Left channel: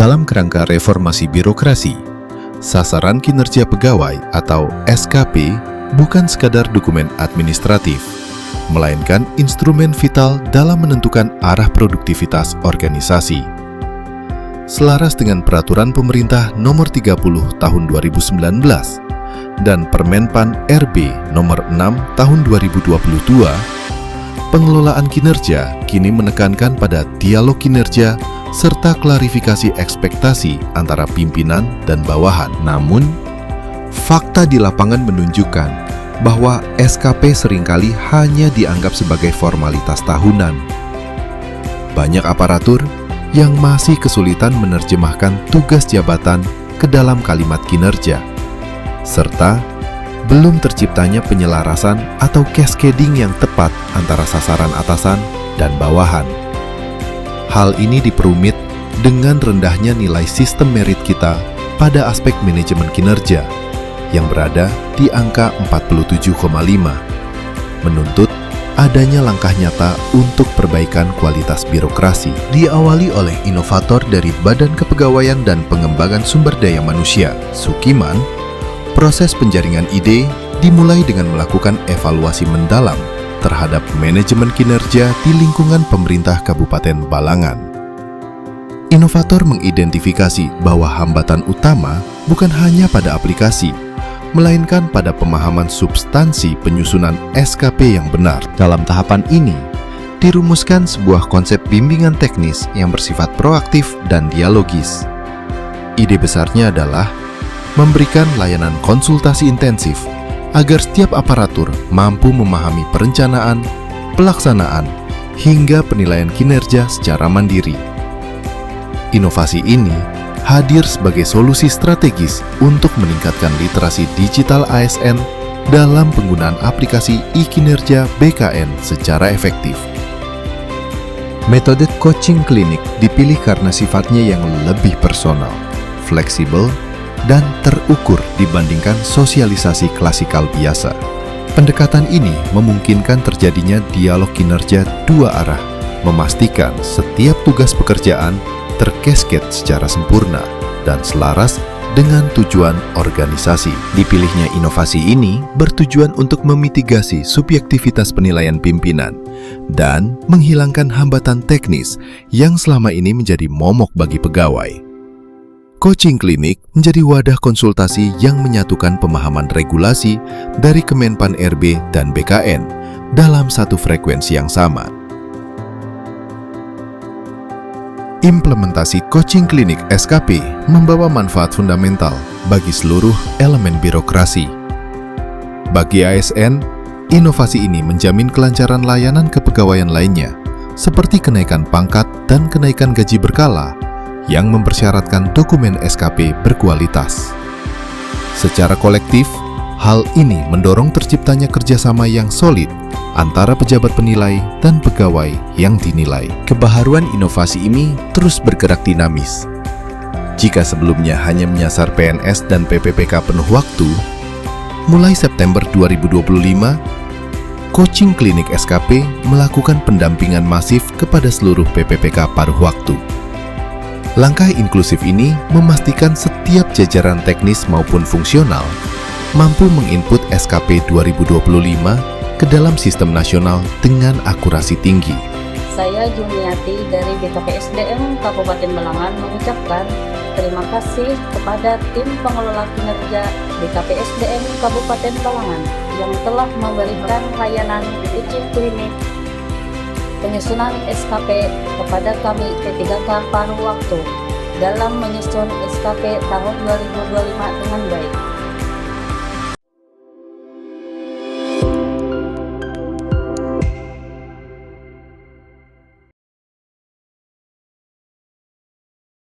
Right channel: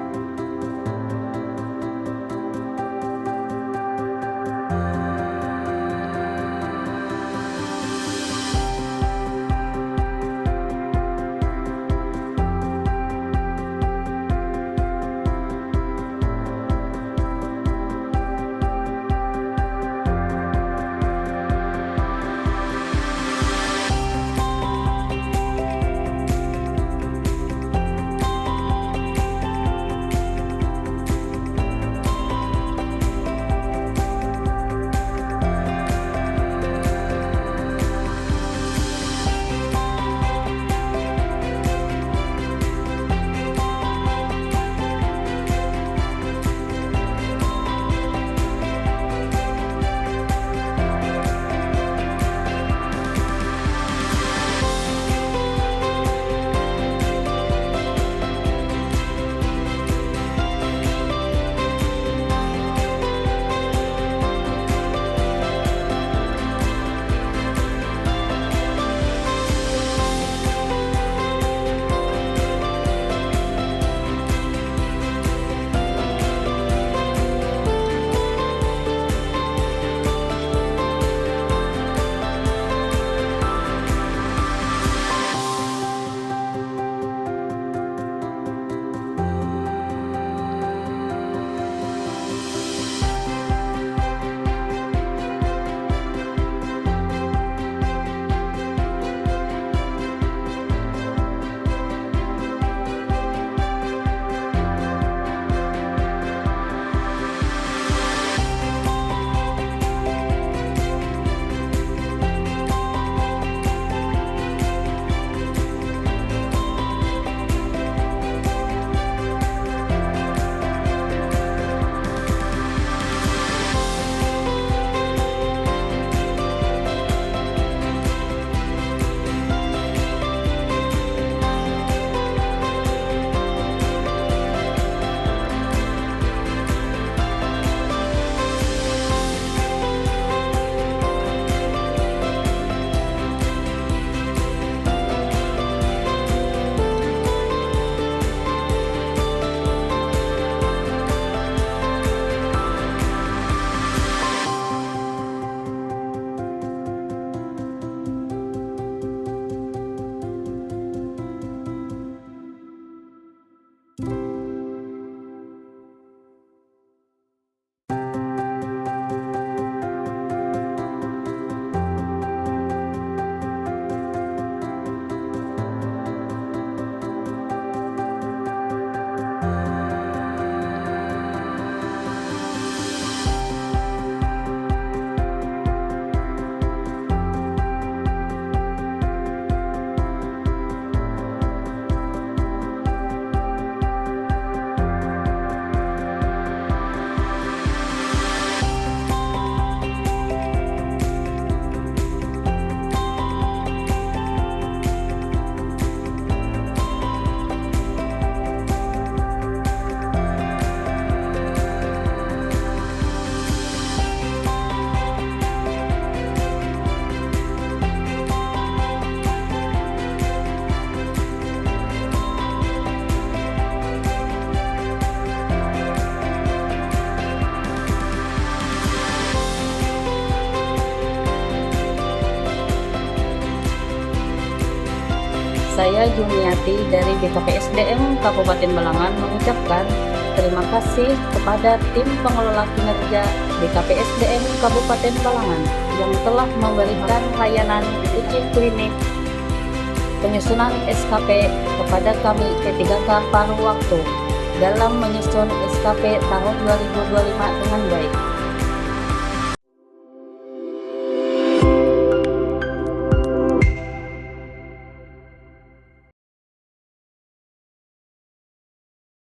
dalam kerangka reformasi birokrasi. Sasaran kinerja pegawai atau SKP bukan sekadar dokumen administratif, melainkan instrumen vital dalam menentukan arah produktivitas organisasi. Selaras dengan Peraturan Pemerintah Nomor 30 Tahun 2019 dan Permenpan RB Nomor 6 Tahun 2022, pengelolaan kinerja kini menekankan pada dialog kinerja serta klarifikasi ekspektasi antara pimpinan dan bawahan. Namun, fakta di lapangan menunjukkan bahwa SKP seringkali hanya dianggap sebagai formalitas tahunan. Banyak aparatur yang masih kesulitan menerjemahkan tugas jabatan ke dalam kalimat kinerja, serta belum terciptanya penyelarasan atau cascading yang tepat antara sasaran atasan dan bawahan. Hal ini diperumit dengan rendahnya nilai sistem merit kita pada aspek manajemen kinerja yang berada di angka 47,5, menuntut adanya langkah nyata untuk perbaikan kualitas birokrasi. Diawali oleh inovator dari Badan Kepegawaian dan Pengembangan Sumber Daya Manusia, Sukiman, proses penjaringan ide dimulai dengan melakukan evaluasi mendalam terhadap manajemen kinerja di lingkungan pemerintah Kabupaten Balangan. Inovator mengidentifikasi bahwa hambatan utama bukan hanya pada aplikasi, melainkan pada pemahaman substansi penyusunan SKP yang benar. Dalam tahapan ini, dirumuskan sebuah konsep bimbingan teknis yang bersifat proaktif dan dialogis. Ide besarnya adalah memberikan layanan konsultasi intensif agar setiap aparatur mampu memahami perencanaan, pelaksanaan, hingga penilaian kinerja secara mandiri. Inovasi ini hadir sebagai solusi strategis untuk meningkatkan literasi digital ASN dalam penggunaan aplikasi e-kinerja BKN secara efektif. Metode coaching klinik dipilih karena sifatnya yang lebih personal, fleksibel, dan terukur dibandingkan sosialisasi klasikal biasa. Pendekatan ini memungkinkan terjadinya dialog kinerja dua arah, memastikan setiap tugas pekerjaan terkasket secara sempurna dan selaras dengan tujuan organisasi. Dipilihnya inovasi ini bertujuan untuk memitigasi subjektivitas penilaian pimpinan dan menghilangkan hambatan teknis yang selama ini menjadi momok bagi pegawai. Coaching klinik menjadi wadah konsultasi yang menyatukan pemahaman regulasi dari Kemenpan RB dan BKN dalam satu frekuensi yang sama. Implementasi coaching klinik SKP membawa manfaat fundamental bagi seluruh elemen birokrasi. Bagi ASN, inovasi ini menjamin kelancaran layanan kepegawaian lainnya, seperti kenaikan pangkat dan kenaikan gaji berkala, yang mempersyaratkan dokumen SKP berkualitas. Secara kolektif, hal ini mendorong terciptanya kerjasama yang solid antara pejabat penilai dan pegawai yang dinilai. Kebaharuan inovasi ini terus bergerak dinamis. Jika sebelumnya hanya menyasar PNS dan PPPK penuh waktu, mulai September 2025, coaching klinik SKP melakukan pendampingan masif kepada seluruh PPPK paruh waktu. Langkah inklusif ini memastikan setiap jajaran teknis maupun fungsional mampu menginput SKP 2025 ke dalam sistem nasional dengan akurasi tinggi. Saya Jumiati dari BKPSDM Kabupaten Balangan mengucapkan terima kasih kepada tim pengelola kinerja BKPSDM Kabupaten Balangan yang telah memberikan layanan coaching klinik penyusunan SKP kepada kami P3K paruh waktu dalam menyusun SKP tahun 2025 dengan baik.